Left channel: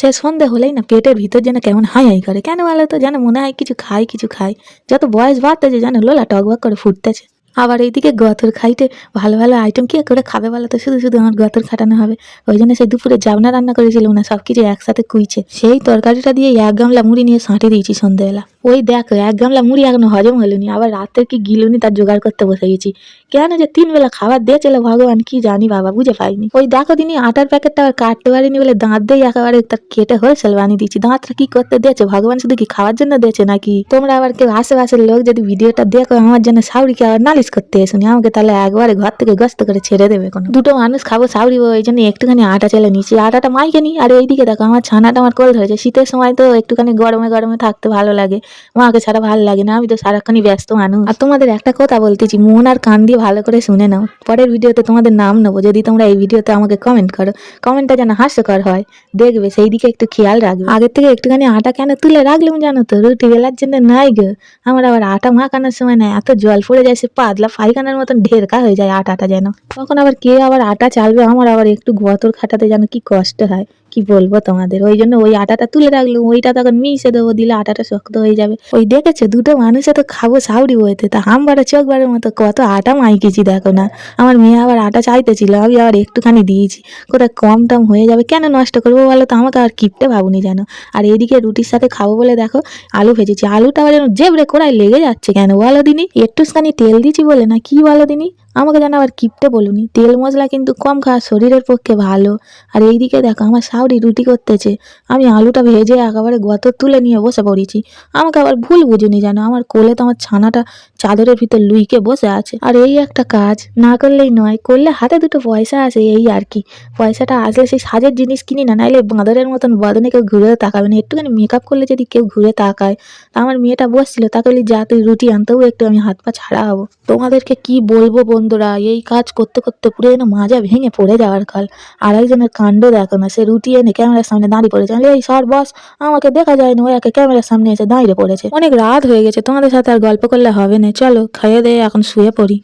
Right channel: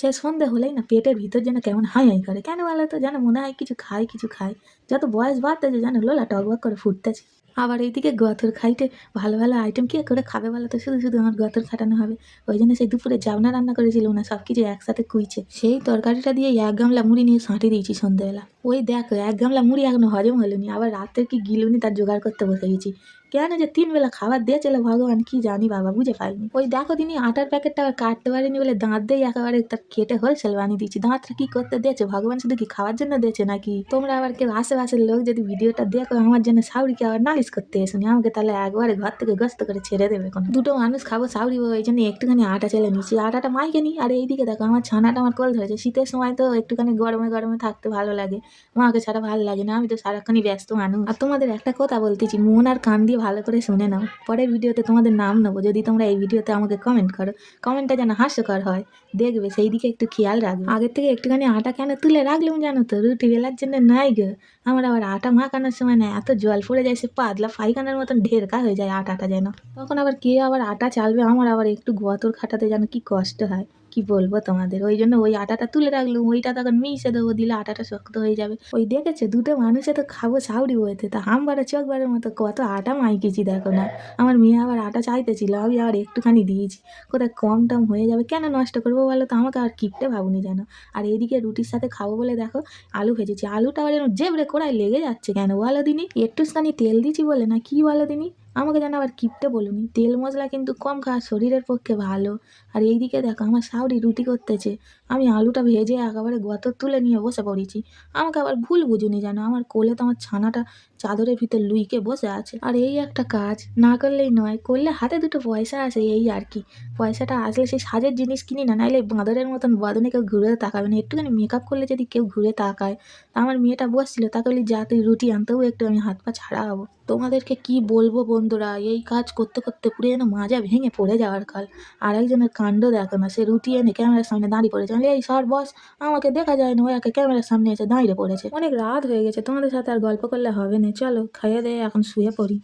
সে সন্ধে হলেই না পেটের ভিতর যেন কেমন হাই হাই করে, কেন বলো তো? যেন মনে হয় কিছু খাই কিছু খাই। যত বয়স বাড়তেছে যেন লোলা টকবক করে ফুটতেছে। আবার এইদিকে গতর খাইতে ভালো ভালো আইটেম কে করে খাবে বলো তো? শুধু শুধু আমার গতর খাটানো হবে। ওই জন্য সেই দুপুরে জাবনা রান্না করেছিলাম না, সবকিছু একসাথে কুইছে সেই তরকারিটা দিয়ে এক গামলা মুড়ি নিয়ে সাঁটে দিয়েছি সন্ধ্যেবেলা। ওই দেখো এক গামলা মুড়ি এখনো হজম হলোনি, আবার রাতের কি গিলুনি তার জোগাড় করতে বসে গেছি। কেন যে 3 বেলা খাবার দিয়েছিল ভগবান কি জানি বাবা, বুঝে পাইনি। ওই দেখো দিনই আটার প্যাকেটটা আবার কাটতে পারিনি বলে দাঁত দিয়ে একেবারে তার কেটে হোলসেল বানিয়ে দিয়েছি। দাঁতটা কি করতে দিয়েছে ভগবান? শুধু কি খাওয়ার জন্য দিয়েছে নাকি? তোমরা আবার কেউ আশেপাশের লোক যদি ভিডিওটা দেখো আমার জন্য সাউরিকে আবার নালিশ করতে এসুনি, আমাকে তাহলে একবারে ঘর থেকে গস্ত করে ছেড়ে দেবে। কোনো দুটো মানুষ খাবো সাউরি, ওই জন্য একটুখানি আটা চেলে নিচ্ছি, আটাটা মাইকে নি। আর এইদিকে দেখো আমার ছানাটা আমার কোল ধরেছে। শীতের সময় তো একটুখানি গরমে গরমে থাকতে ভালো লাগে, মাকে ছাড়া ভালো লাগে না। আমি তো সারাক্ষণই ব্যস্ত মানুষ। আর তোমাদের একটা কথা বলতেছি, মন আর কান দিয়ে ভালো করে শুনে নাও। পরের ভিডিওতে তোমাদের নাম নেবো যদি তোমরা এই ভিডিওতে আমাকে কমেন্ট করো। কমেন্টটা যেন হাস্যকর হয়, দেখবে সেই দিকে একটু খেয়াল রাখবে। আগের থেকে একটুখানি আটা কেন তুলে রাখলাম জানো তো? রুটি বেলার জন্য নাই গো, আমার আবার আটা মাখানোর সময় না এত জল পড়ে যায়, সে পাতলা পায়খানার মতন ঢেরকা হয়ে যায় আটাটা যেন। তখন আবার কে আবার আটা চালবে? আমার আবার একটু গতর খাটাতে যেন কি কষ্ট হয়, কি বলবো তোমাদের। ওই জন্য ওই আটাটা তুলে রাখলাম, ওইটা তখন মিশে দেবো, দিলে আটাটা শক্ত হয়ে যাবে। ওই দেখেছো দুটো মানুষে তো খাবো সাউরি বইতে, তা হামবারে চোখবারের মতো কত আটা মাইকেছি দেখো না। আমার মেয়ে আবার আটা চাইতেছিল, আমি আবার একটুখানি দিয়েছি। কোথায় কম টম হয়ে যাবে, কেন নষ্ট করবো বলো তো? আমাকে আর কিপটে ভাবুনি জানো। আর এইদিকে রুটির সাথে খাবো বলে দেখো আলু ভেজেছি, আলুটা আবার যেন জেবড়ে কড়াই লেগে যাচ্ছে, কেন বলো দিনি? একটুখানি তেল দিচ্ছি বলে না কি বলো দিনি? আমাকে যেন আবার কিপটে বলুনি। তেল মশলা কিন্তু কম খাওয়া শরীরের পক্ষে ভালো। আর এইদিকে দেখো আমার সাউরি রুটি করতেছে, আমি আলুটা ভেজে একেবারে গতর তুলে নিয়ে বসে পড়েছি। আমাকে আবার ভুল বুঝুনি জানো, আমার কোলে তো আমার ছানাটা চাদরের ভিতর লুইকে বসে আছে। আর এই একটা কাজ না করলেই নয়, করলে হাতে দুটো পয়সা আসে, এই আর কি। পয়সাটা আসলে সেই সাজের জিনিস কিনি না, নাইলে বাঁদরের মতন বদনে কেউ ঘুরেও তাকাবে না। একটুখানি মেকআপ করলে যদি কেউ ঘুরে তাকায়। আমার মেয়েটা বসছিল, তাকে বলি যা তুই রুটি আনতেও একটু আমি হাত পা ছাড়া হবো। তোমাদেরকে কি বলবো বন্ধুরা, এই কাজ করতে করতে পুরো যেন মাজা ভেঙে পড়ে যাওয়ার কাল। আর একজনের কাণ্ড দেখো না, সে রুটি এনে ক্যামেরার সামনে দাঁড়িয়ে পড়েছে। এই সর বস, আমাকে দেখা যায় না, ও একে ক্যামেরার সামনে এসে দাঁড়িয়ে পড়েছে। অনেক রাত হয়ে গেছে, তোমাদের সাথে আর গল্প করলে হবে না, চলো খেয়ে দিয়ে এখন শুয়ে পড়ি।